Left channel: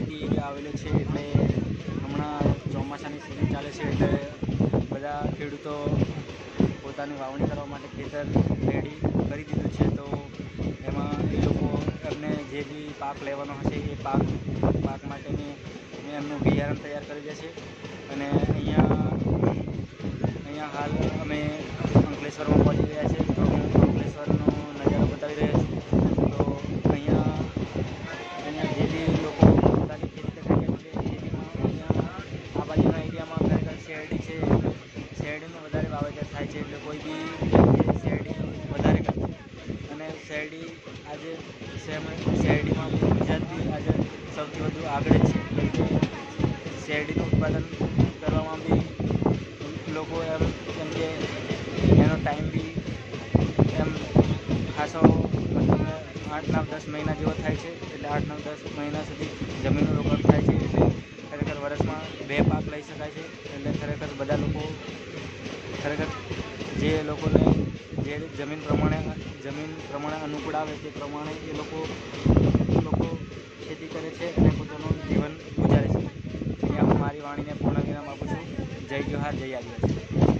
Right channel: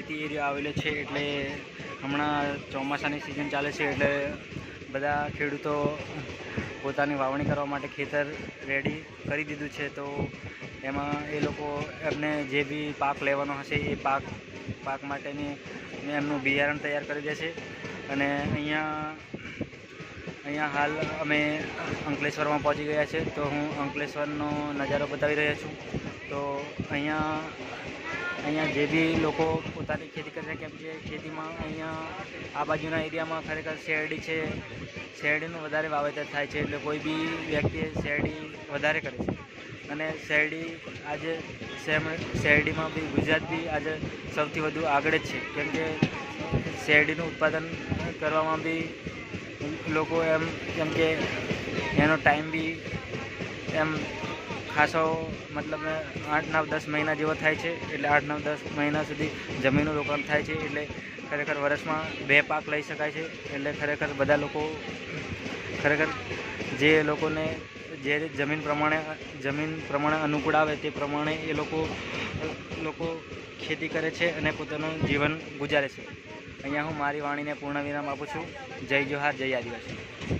ખેતી એરિયો આવેલો છે એટલે હમણાં ચોમાસાની સિઝન ચાલે છે એટલે બધા ખેડૂતો પોતાની વાવણી કરવા માટે ખેતર રેડી કરી દીધું છે. તો એમાં એ લોકો એમને જે બી પાક લેવાનો હશે એ પાક પાક માટેની એમનું બિયારણ તૈયાર કરી દેશે. અને અહીંયા અહીંયા હાલ અમે અંકલેશ્વરમાં પહોંચી ગયા છે. તો હું અંકલેશ્વરનો નજારો બતાવી રહ્યો છું. તો અહીંયા અહીંયા જે બી લોકો પોતાની ખેતી કરે કેમ કે ખેતીમાં અહીંયા આ બાજુના એરિયામાં ખરેખર શેરડી છે. શેરડીનું વધારે વાવેતર થાય છે એટલે કોઈ બી વ્યક્તિ શેરડી વધારે કરે છે અને શેરડી આજે શેરડીમાં બી ગુજરાત બી આજે સૌથી વધુ આગળ છે. કેમ કે શેરડીનું ઉત્પાદન કરવામાં બી લોકો એમ, કેમ કે એનો ટાઈમ બી એમ ખાસો મતલબ આઠ, નવ, દસ મહિના જેવો થાય છે. એટલે આઠ, નવ, દસ મહિના સુધી જમીનનું રોકાણ થાય છે. એટલે ખરેખર વર્ષમાં બે પાક લઈ શકાય છે. એટલે ખરેખર બધા લોકો ખરેખર જે લોકોને જે જમીન પ્રમાણે જમીન પ્રમાણે અનુકૂળ આવે તે પ્રમાણે એ લોકો લોકો ખેતી કરે છે અને પોતાનું જીવન ગુજારે છે. અહીંયા હું મારી વાણીને પૂર્ણ વિરામ આપું છું. જય જોહાર, જય આદિવાસી.